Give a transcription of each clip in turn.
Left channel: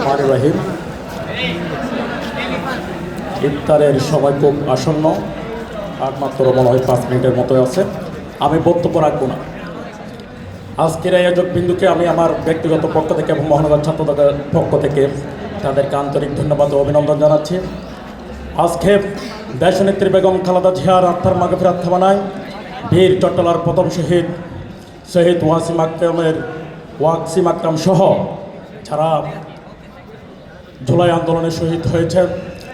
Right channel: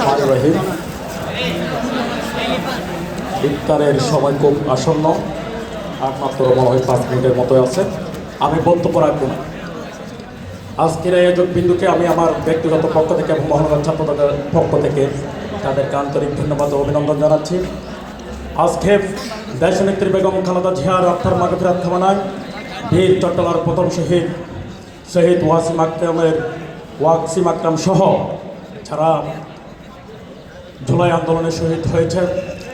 রহমানির রহিম। ইফতারের সময় খুব আসন্ন, আর মাত্র মনে হয় 5 মিনিটের মতো আছে। আমি বক্তব্য রাখব না। আজকের আয়োজক বিন্দুকে আমি আমার ব্যক্তিগত পক্ষ থেকে এবং মহানগর ছাত্র দলের পক্ষ থেকে তাদেরকে আন্তরিক ধন্যবাদ ও অভিনন্দন জানাচ্ছি। আজকে দেশনেত্রী বেগম খালেদা জিয়ার আত্মার মাগফিরাত কামনায় বীর চট্টলার প্রথম শহীদ ওয়াসিম আকরাম সহ যারা জুলাই আন্দোলনে শহীদ হয়েছে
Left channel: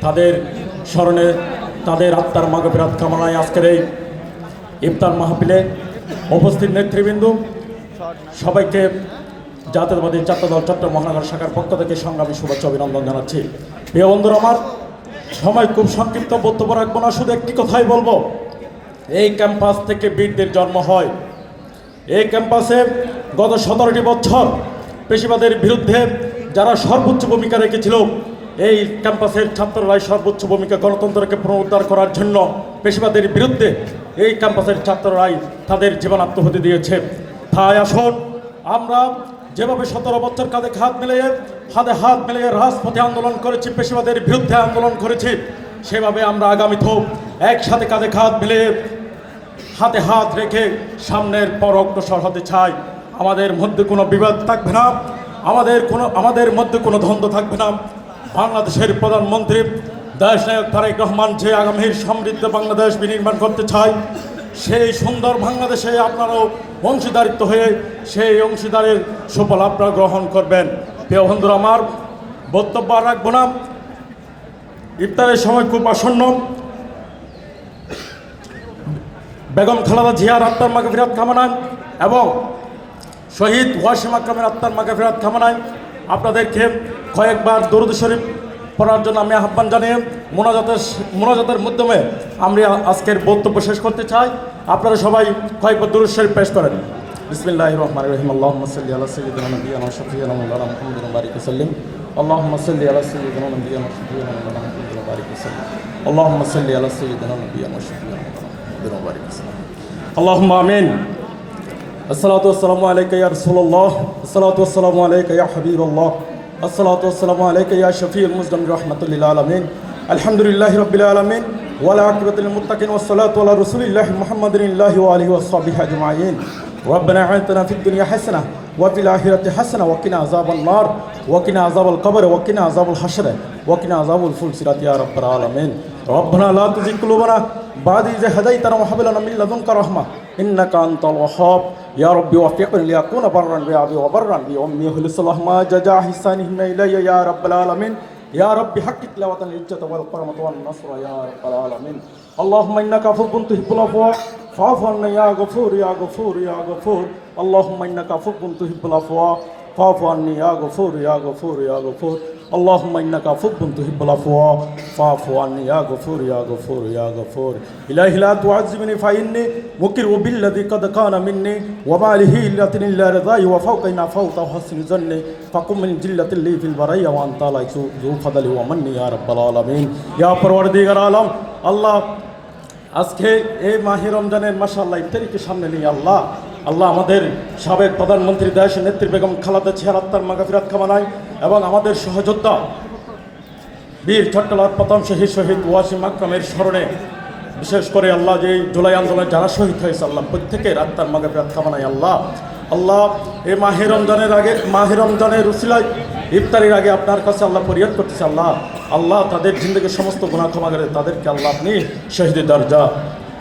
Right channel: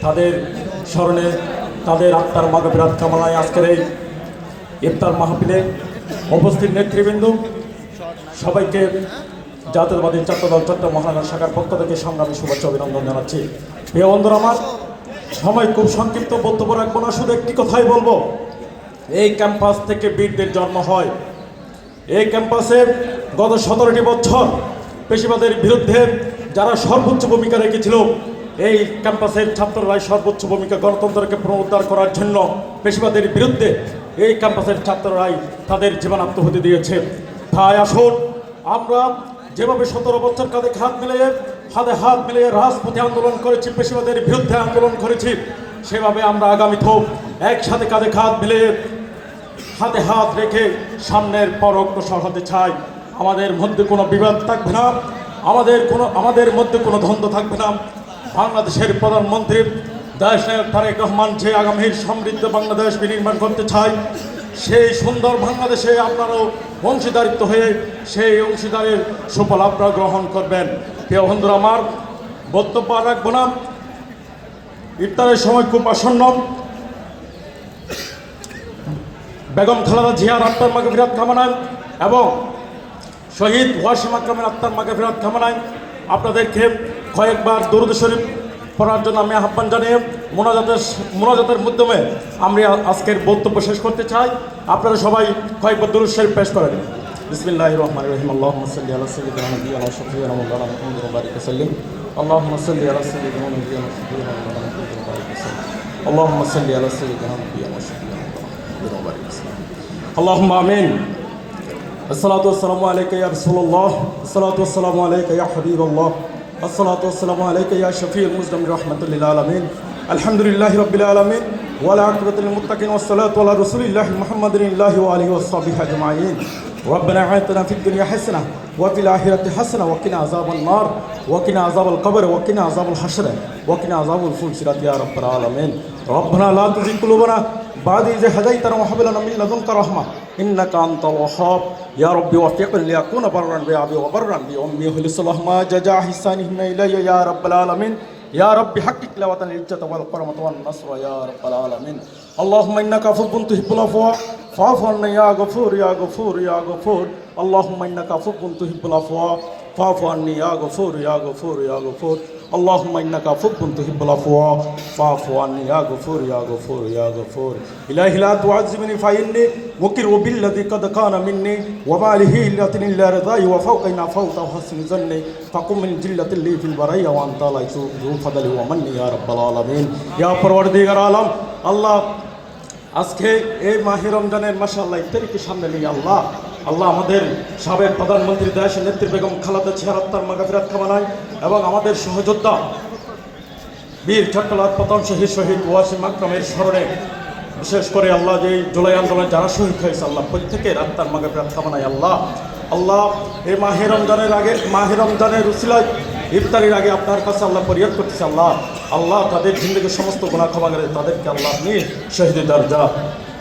তাদের স্মরণে তাদের আত্মার মাগফিরাত কামনায় আজকের এই ইফতার মাহফিলে উপস্থিত নেতৃবৃন্দ সবাইকে জাতীয়তাবাদী ছাত্রদল চট্টগ্রাম মহানগর শাখার পক্ষ থেকে সংগ্রামী শুভেচ্ছা অভিনন্দন জানাচ্ছি। প্রিয় বন্ধুরা, আমার সময় খুব সংক্ষিপ্ত, বক্তব্য রাখবো না, শুধু একটি কথাই বলবো। এই ক্যাম্পাস থেকে বীরদের জন্ম হয়। এই ক্যাম্পাসে গত 17টি বছর পেশিবাদের বিরুদ্ধে যারা সর্বোচ্চ ভূমিকা রেখেছিল, এই ক্যাম্পাসের ছাত্ররাই সর্বোচ্চ ভূমিকা গণতন্ত্রকে পুনরুদ্ধার করার জন্য পেশিবাদের বিরুদ্ধে এই ক্যাম্পাসের ছাত্ররাই তাদের জীবন আত্মহতি দিয়েছে। তাই আসুন, আমরা যেভাবে 17 বছর কাঁধে হাত মিলিয়ে রাজপথে আন্দোলন করেছি, পেশিবাদের বিরুদ্ধে আন্দোলন করেছি, সেভাবে আমরা আগামীতেও একসাথে কাঁধে মিলিয়ে হাতে হাত রেখে সামনের পর অগ্রসর হতে চাই। আমাদের মধ্যে কোনো বিবাদ থাকবে না, আমাদের মধ্যে কোনো দ্বন্দ্ব থাকবে না। বাংলাদেশের প্রধানমন্ত্রী দেশ নায়ক তারেক রহমান যে আগামীর সমৃদ্ধ বাংলাদেশ বিনির্মাণ করতে চায়, সেই সুন্দর বাংলাদেশে আপনারাও অংশীদারিত্ব হয়ে সেই অংশীদারের সুফল আপনারা গ্রহণ করবেন। প্রিয় বন্ধুরা, আমার বক্তব্য রাখবো না, ইফতারের সময় খুব আসন্ন। বেগম খালেদা জিয়ার আত্মার মাগফিরাত কামনায় এবং শহীদ ওয়াসিম আকরামের আত্মার মাগফিরাত কামনায় আপনাদেরকে কয়েকবার দরুদ শরীফ পড়ার জন্য আমি আহ্বান জানিয়ে মোনাজাতের মাধ্যমে আমি আজকের বক্তব্য শেষ করতে চাই। আপনারা সবাই কয়েকবার দরুদ শরীফ পেশ করেন। বিসমিল্লাহির রহমানির রহিম। আল্লাহুম্মা সাল্লি আলা সাইয়্যিদিনা মুহাম্মাদিন ওয়া শাফিঈনা মাওলানা মুহাম্মাদিন ওয়া বারিক ওয়াসাল্লিম। আল্লাহুম্মা সাল্লি আলা সাইয়্যিদিনা মুহাম্মাদিন ওয়া শাফিঈনা মাওলানা মুহাম্মাদিন ওয়া বারিক ওয়াসাল্লিম। আল্লাহুম্মা সাল্লি আলা সাইয়্যিদিনা মুহাম্মাদিন ওয়া শাফিঈনা মাওলানা ওয়া বারিক ওয়াসাল্লিম। আল্লাহুম্মা আমিন। আসসালাতু ওয়াসসালামু আলাইকা ইয়া রাসূলুল্লাহ, আসসালাতু ওয়াসসালামু আলাইকা ইয়া হাবিবাল্লাহ, আসসালাতু ওয়াসসালামু আলাইকা ইয়া শাফিউল মুজলিমিন রাহমাতুল লিল আলামিন। আলহামদুলিল্লাহি রাব্বিল আলামিন ওয়াল আকিবাতুল লিল মুত্তাকিন ওয়াসসালাতু আলা রাসূলিল্লাহি মুহাম্মাদিন ওয়া আলিহি ওয়া সাহবিহি আজমাইন। ربنا آتنا في الدنيا حسنة وفي الآخرة حسنة وقنا عذاب النار وقنا عذاب القبر وقنا عذاب الحشر وقنا عذاب الفلسرات يا رب العالمين. ربنا لا تزغ قلوبنا بعد إذ هديتنا وهب لنا من لدنك رحمة إنك أنت الوهاب. يا ربي وفقني لأكون برا بأبي وبرا بأمي خلص اللهم جزاء إحسانهم إلي يا رب العالمين. يا رب حقق لنا العزة والكرامة والنصر يا رب العالمين. اللهم إنك عفو تحب العفو فاعف عنا يا غفور يا غفور يا غفور. اللهم إنك عفو تحب العفو فاعف عني يا غفور يا غفور يا غفور. اللهم إنك عفو تحب العفو فاعف عني يا غفور يا غفور يا غفور. إلهي لا تعذبني فإني مقر بالذي قد كان مني وما له إلا رضاي وفوقنا فوق حسن ظني فقم من جلة لي في البرية وأنت لا ذو فضل ومني يا رب العالمين. يا পরওয়ারদিগার আলম, আল্লাহ আজকে এই মাহে রমজানের মাশাআল্লাহ ইফতারিকে সামনে নিয়ে আল্লাহ আমাদের সাবেক প্রধানমন্ত্রী দেশ নেত্রী বেগম খালেদা জিয়ার আত্মার মাগফিরাত কামনায় এবং আমাদের সহযোদ্ধা বীর চট্টলার প্রথম শহীদ ওয়াসিম আকরামের স্মরণে বিশেষ করে আল্লাহ যে জুলাই আন্দোলনে যারা শহীদ হয়েছে আল্লাহ প্রত্যেকের আত্মার মাগফিরাত কামনায় আল্লাহ এই মাহে রমজানের উসিলায় ইফতারির আগে আপনার কাছে আল্লাহ ফরিয়াদ করতেছে আল্লাহ তাদের জিন্দগির সমস্ত গুনাহ ক্ষমা করে তাদেরকে আল্লাহ আপনি শহীদের দরজা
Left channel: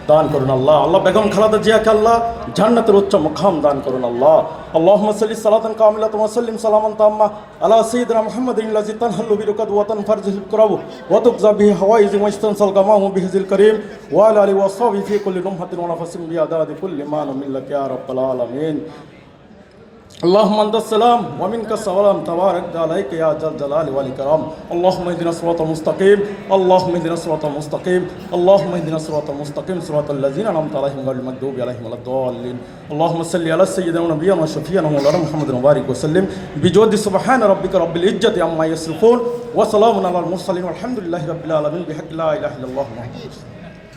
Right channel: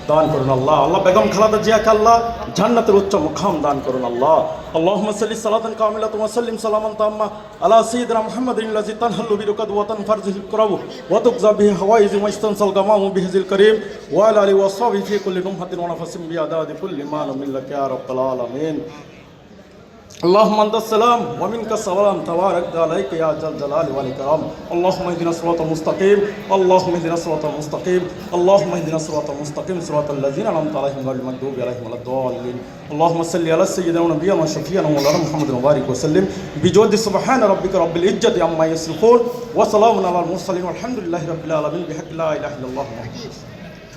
দান করুন। আল্লাহ বেগম খালেদা জিয়াকে আল্লাহ জান্নাতের উচ্চ মুকাম দান করুন। আল্লাহুম্মা সাল্লি সালাতান কামিলাতান ওয়া সাল্লিম সালামান তাম্মা আলা সাইয়্যিদিনা মুহাম্মাদিন আল্লাযী তানহালু বিরুকাত ওয়া তানফারজুল কুরাবু ওয়া তুকযা বিহি হাওয়াইজ ওয়া ইস্তানসাল গামামু বিহিজিল কারীম ওয়া আলা আলিহি ওয়া সাহবিহি ফি কুল্লি lumhatin ওয়া নাফাসিন বিআদাদি কুল্লি মা মিল্লাকা ইয়া রাব্বাল আলামিন. اللهم انت السلام ومنك السلام تبارك عليك يا ذا الجلال والاكرام. اللهم اهدنا الصراط المستقيم اللهم اهدنا الصراط المستقيم اللهم اهدنا الصراط المستقيم صراط الذين انعمت عليهم غير المغضوب عليهم ولا الضالين. اللهم صل على سيدنا ونبينا وشفيعنا مولانا محمد وبارك وسلم بجود سبحان ربك رب العزة عما يصفون وسلام على المرسلين والحمد لله رب العالمين بحق لا اله الا الله.